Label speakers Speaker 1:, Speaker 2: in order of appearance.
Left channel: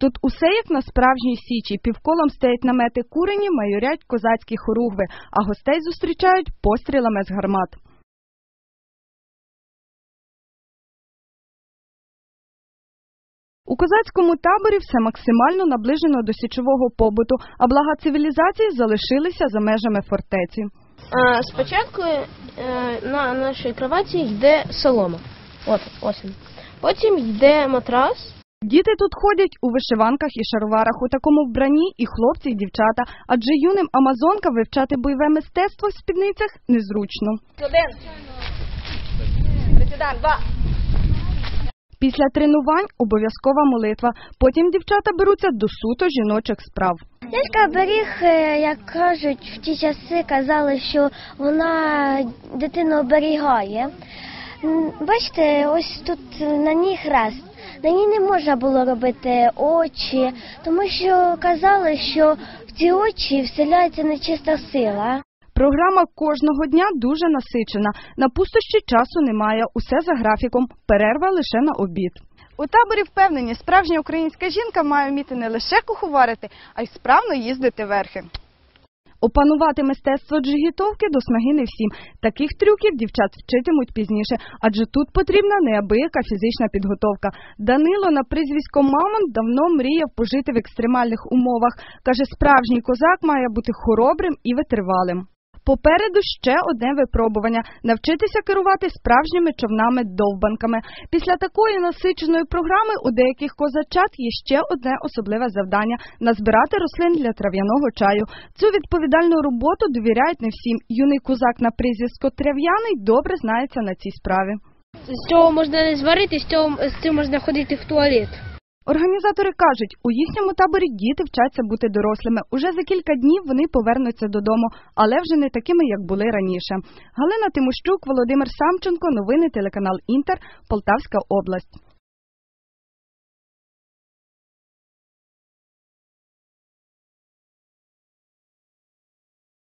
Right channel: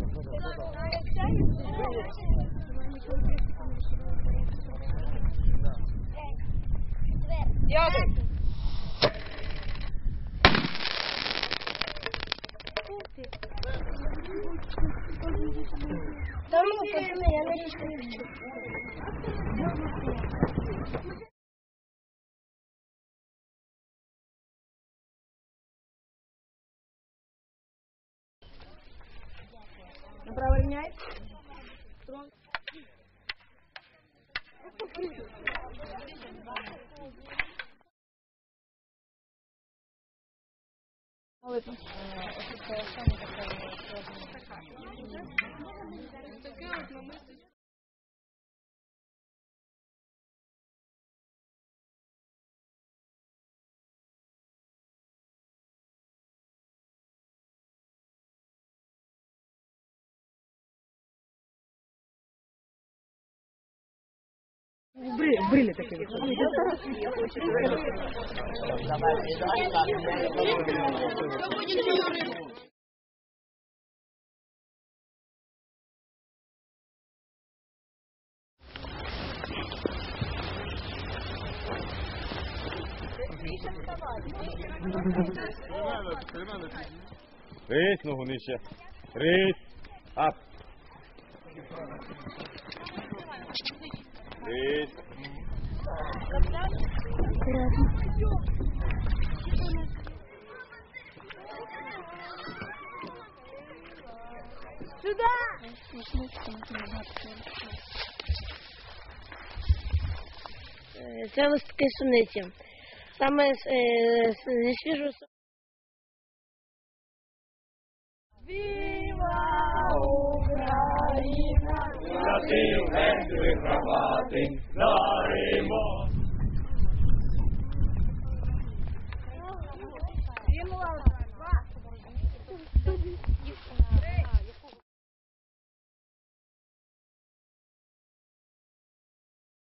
Speaker 1: Тут усе як на справжній січі. Півколом стоять намети курені, майорять козацькі хоругви, а гостей зустрічають пострілами з гармат. У козацькому таборі все максимально наближено до січового побуту, а блага цивілізації залишилися за межами фортеці.
Speaker 2: Спочатку е, на нашій кроваті йде солома. От, ось. Потім йде матрас.
Speaker 1: Діти тут ходять у вишиванках і шароварах у такому вбранні і хлопці, і дівчата, адже юним амазонкам вивчати бойове мистецтво в спідницях незручно.
Speaker 2: Один. Два.
Speaker 1: Після тренувань обов'язкова молитва. Потім дівчата беруться до суто жіночих справ.
Speaker 3: Лялька беріг, е, як кажуть, в ті часи казали, що вона дитину оберігає. Бачите, ось тут на ній хрест. На ній не можна було робити очі, тому що казали, що в ці очі вселяється нечиста сила.
Speaker 1: Програма кожного дня дуже насичена. На пустощі часу немає. Усе за графіком. Перерва лише на обід. У таборі впевнені, справжня українська жінка має вміти не лише куховарити, а й справно їздити верхи. Опанувати мистецтво джигітовки до снаги не всім. Таких трюків дівчат вчитимуть пізніше, адже тут потрібна неабияка фізична підготовка. Данило на прізвисько Мамон давно мріяв пожити в екстремальних умовах. Каже, справжній козак має бути хоробрим і витривалим. Попереду ще одне випробування навчитися керувати справжніми човнами-довбанками. Після такої насиченої програми у деяких козачат є ще одне особливе завдання назбирати рослин для трав'яного чаю. Цю відповідальну роботу довіряють не всім. Юний козак на прізвисько Трав'яний добре знається на цій справі.
Speaker 2: З цього можна не зварити, з цього з цим можна ходити в туалет.
Speaker 1: Організатори кажуть, у їхньому таборі діти вчаться бути дорослими. Уже за кілька днів вони повернуться додому, але вже не такими, як були раніше. Галина Тимощук, Володимир Самченко, новини телеканал Інтер, Полтавська область.